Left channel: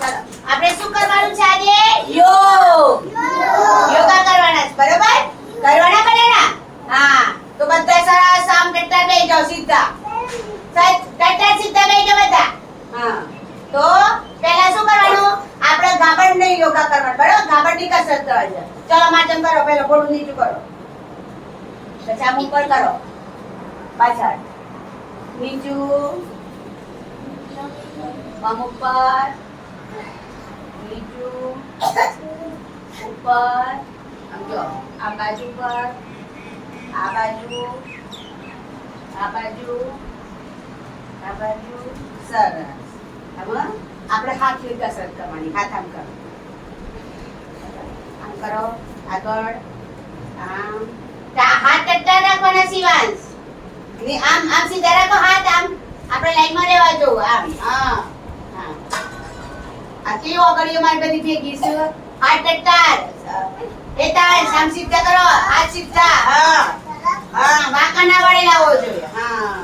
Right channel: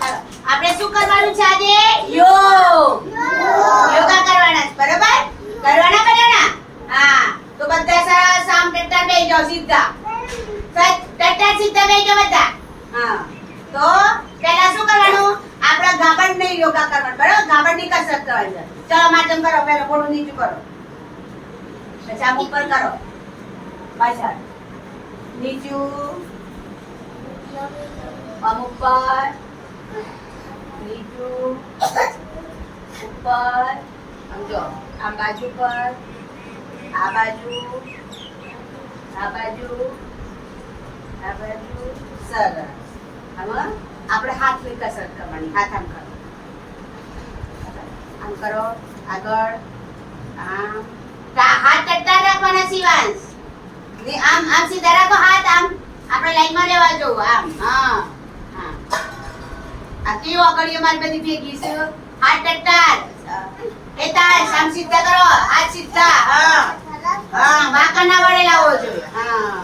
ચાલો આપણે શું કરવાનું છે આજે? યોગ. યોગા કરવાના છે, બરાબર? કરવાના બધાના? હા. તો બધા સરસ આમ ટટ્ટાર બેસી જાઓ સીધા. ટટ્ટાર સીધા બેસી જાઓ બધા. હા. તો પહેલા શું કરવાનું? આપણે ગાબડને યોગા કરવાનું, બરાબર? ગાબડની કસરત કરવાની છે. ચલો માચમ કરો, પહેલા ઘોડું નીચું કરો. પછી આમ ઉપર કરો. પાછળ. નીચું. આમ ઉપર. નીચું. ઉપર. આમ જો. આ બાજુ પર. આ બાજુ. આ બાજુ. આ બાજુ. સરસ. આમાં આપણે હાથની કસરત કરવાની. હાથ આમ કરો. આમ કરો. આગળ. આમ. હાથ ટટ્ટા રાખવાના શિવાંશ. આમ આમ સીધા રાખો હાથ આમ. આપણે લાઈનમાં રહેવા જોવું આમ. હા. હા. આ કેવો આગળીઓ મારી બધી ભેગી છે. હાથ ટટ્ટાર. એ તાળ આમ સીધા કરો. હાથ સીધા. હા. હા, વાંકા ના વળેલા હોવો જોઈએ. હા.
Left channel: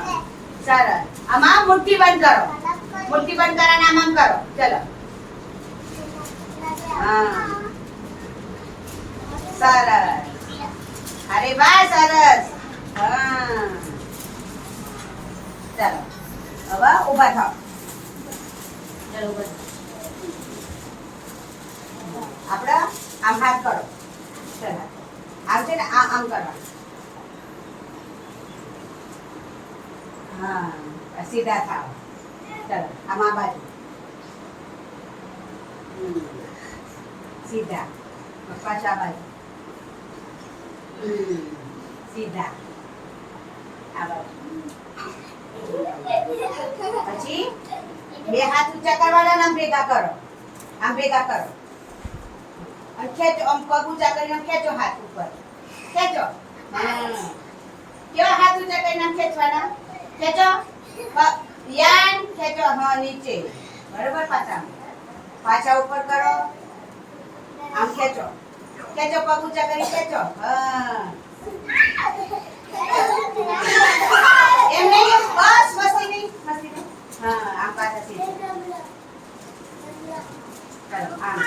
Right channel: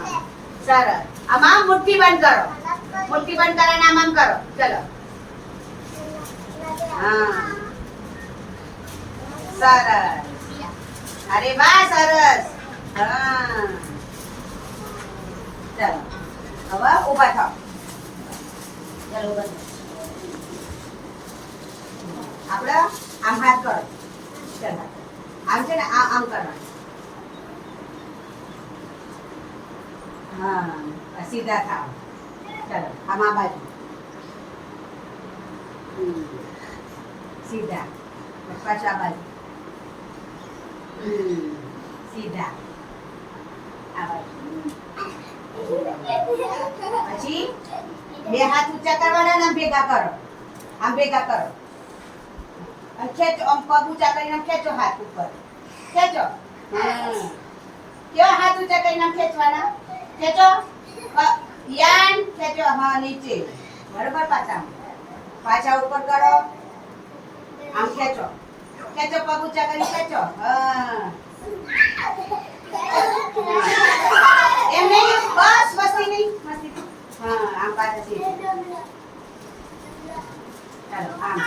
સરસ. આમાં મુઠ્ઠી બંધ કરો. મુઠ્ઠી બંધ કરીને આમ આમ કરો. ચલો. હા. સરસ. અરે વાહ, સરસ. હા. ચાલો હવે ઊભા થાઓ. ચાલો ઊભા થાઓ. આપણે આમ હાથ કરો. ચાલો આમ છે ને આમ કરવાનું. હા, સીધા થાઓ. ચાલો આમ આ બાજુ. સીધા. પાછા બાજુ. સીધા. આ બાજુ. પછી બે હાથ ઊંચા કરવાના ને ભેગા કરો. આમ ભેગા કરો. અને ખેંચો. આમ પગ ઊંચા કરીને ખેંચો હાથ ઉપર. ખેંચો. કેવા હાથ ઊંચા કરીને ખેંચવાના? ખેંચો. યાન ખેંચો. હા, નીચે. બરાબર? પાછા પાછા ઉપર કરો. આમ ખેંચો. ખેંચો. પગ ઊંચા કરી ખેંચો. હા. એમ નહીં. બસ મસ્તી નહીં. મસ્તી નહીં. હા, આમ પાછા સીધા. ચાલો આમ.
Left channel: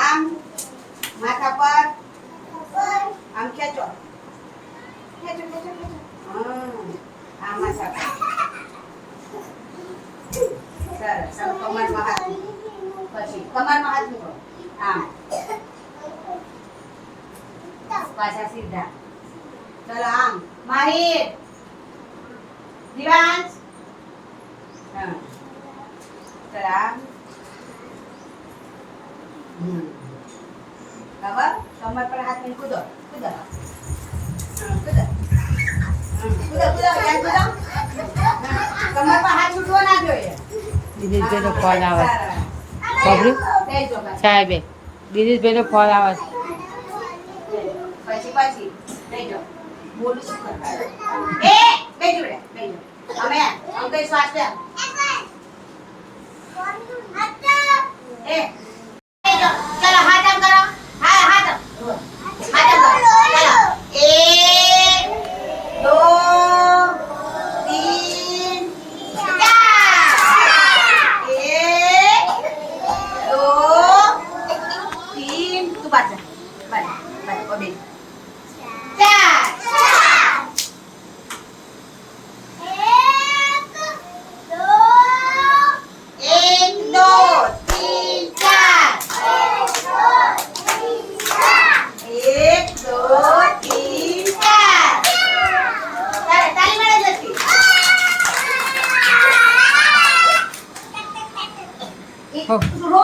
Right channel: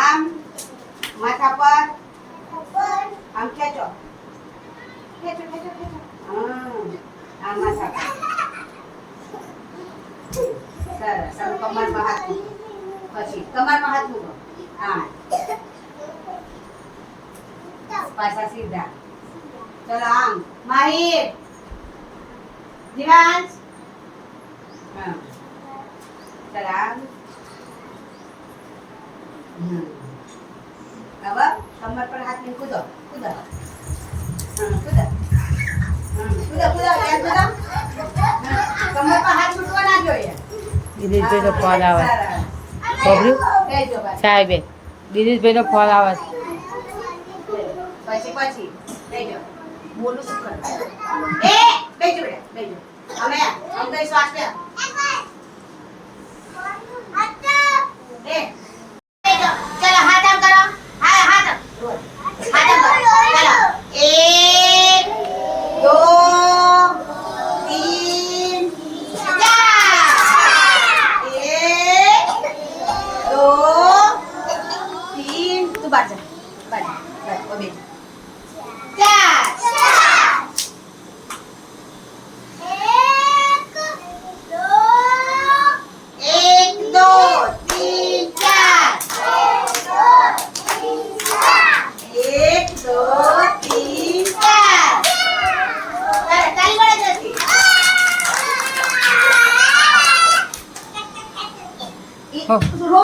આમ માથા પર. આમ ખેંચો. ખેંચો ખેંચો ખેંચો. આમ માથા પર. સરસ. કમરમાં હાથ મૂકો. પછી કમરમાં હાથ મૂકો. આમ. પાછા સીધા. ચલો આમ. માહિર. દિવાંશ. હા. ચલો આમ. હવે કમર પર હાથ મૂકી કૂદો. કૂદો. કૂદો. કૂદો કૂદો. યાર કૂદો. કમર પર હાથ છૂટવો ના જોઈએ. દિનેશભાઈનો ફોન આવે છે. ખબર્યું? સાહેબ દિનેશભાઈનો ફોન આવે છે. પછી બેજો. બોલું શું કરવાનું? એ બેજો બેટા બેજો. અમે કઈ શ્વાસ લે. એ બેજો. ચલો હાથ આમ કરો. હા હાથ આમ. હાથ આમ કરો. ચલો 1 2 3 4 1 2 3 તું બાજુ. બસ બસ ઓબે. 4 Oh.